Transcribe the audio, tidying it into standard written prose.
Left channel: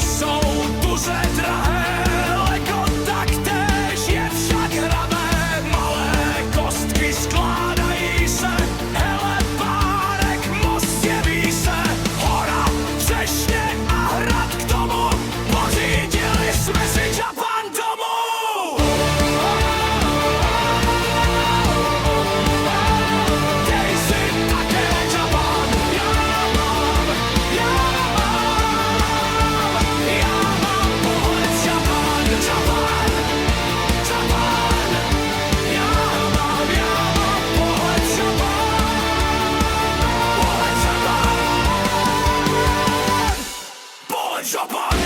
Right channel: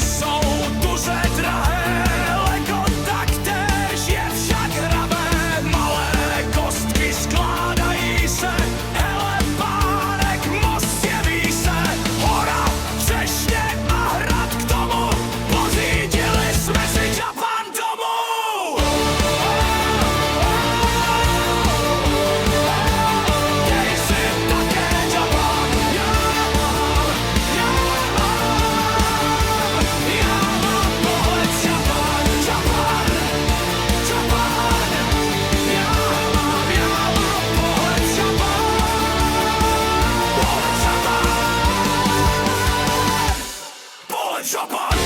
jsou duře drahé, Lego taktéž je však hravé. Malé kostky skládají se, hele párek, most jeví se. Hora, třešně a hrad k tomu, pořídili jsme si Japan domů. Dej si také Japan, já mám pohled Japan, Japan, Japan. Já mám pohled Japan, pohled Japan, pohled Japan.